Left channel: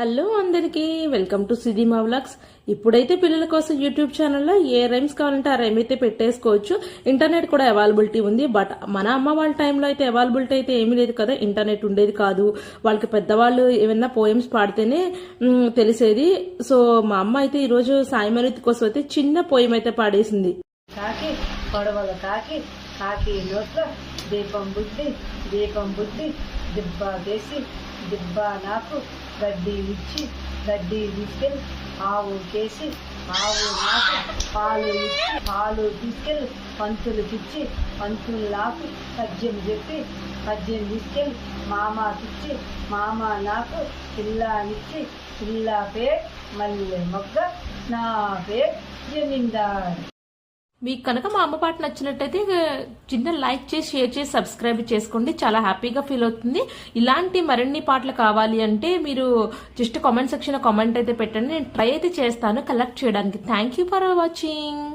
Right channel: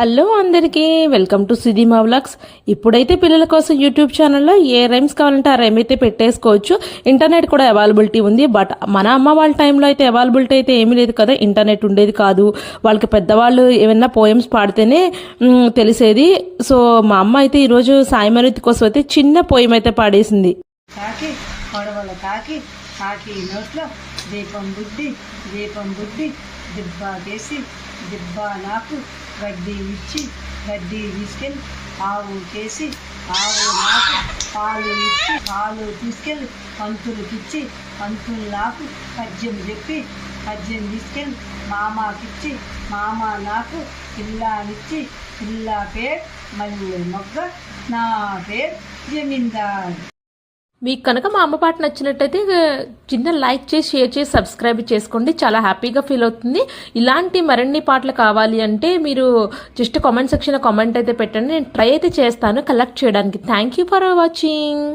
Hello అందరికీ welcome to సిదిమా vlogs. ఇప్పుడైతే పిల్లల కోసం యూట్యూబ్ ఛానల్లో ఏ రైమ్స్ కావాలంటే ఆ రైమ్ అయితే పెట్టేసుకోవచ్చు. ఇంటర్నెట్ కూడా అవైలబిలిటీ ఉంది. బట్ మన అమ్మ వాళ్ళ టైంలో అయితే అవైలబిలిటీ అయితే ఏమీ లేదు కదా, ఇంటర్నెట్ ఉండేది కాదు. వాళ్ళకి పెద్దవాళ్ళు ఏమైనా పోయమ్స్ పాడితేనే తెలిసేది. సో మా అమ్మ అయితే ఈరోజు సాయి మరుతి కోసం అయితే చిన్న పోయం అయితే పాడేసింది. కాకి పొడవల కాకి కాకి నోట్లో దీపం బుడ్డి దిబ్బకేసి దిబ్బ నాకు గడ్డి ఇచ్చి గడ్డి తీసుకెళ్ళి ఆవు కేసి ఆవు నాకు పాలు ఇచ్చి పాలు తీసుకెళ్ళి పంతులకిచ్చి పంతులు నాకు పద్యం చెప్పి పద్యం తీసుకెళ్ళి మామకిచ్చి మామ నాకు పిల్లానిచ్చి పిల్ల పేరు మల్లె మొగ్గ నా పేరు జమీందార్. మీకు కనుక మా అమ్మ పాట నచ్చినట్టయితే చిన్న లైక్ చేసి షేర్ చేసి సబ్స్క్రైబ్ చేసుకోండి. చాలా హ్యాపీగా ఫీల్ అవుతుంది. ఇలాంటి మరిన్ని పాటలు కావాలి అంటే మీరు జస్ట్ కామెంట్ సెక్షన్లో కామెంట్ అయితే పెట్టండి. నేను ట్రై అయితే చేస్తాను కలెక్ట్ చేయడానికి. Thank you for watching.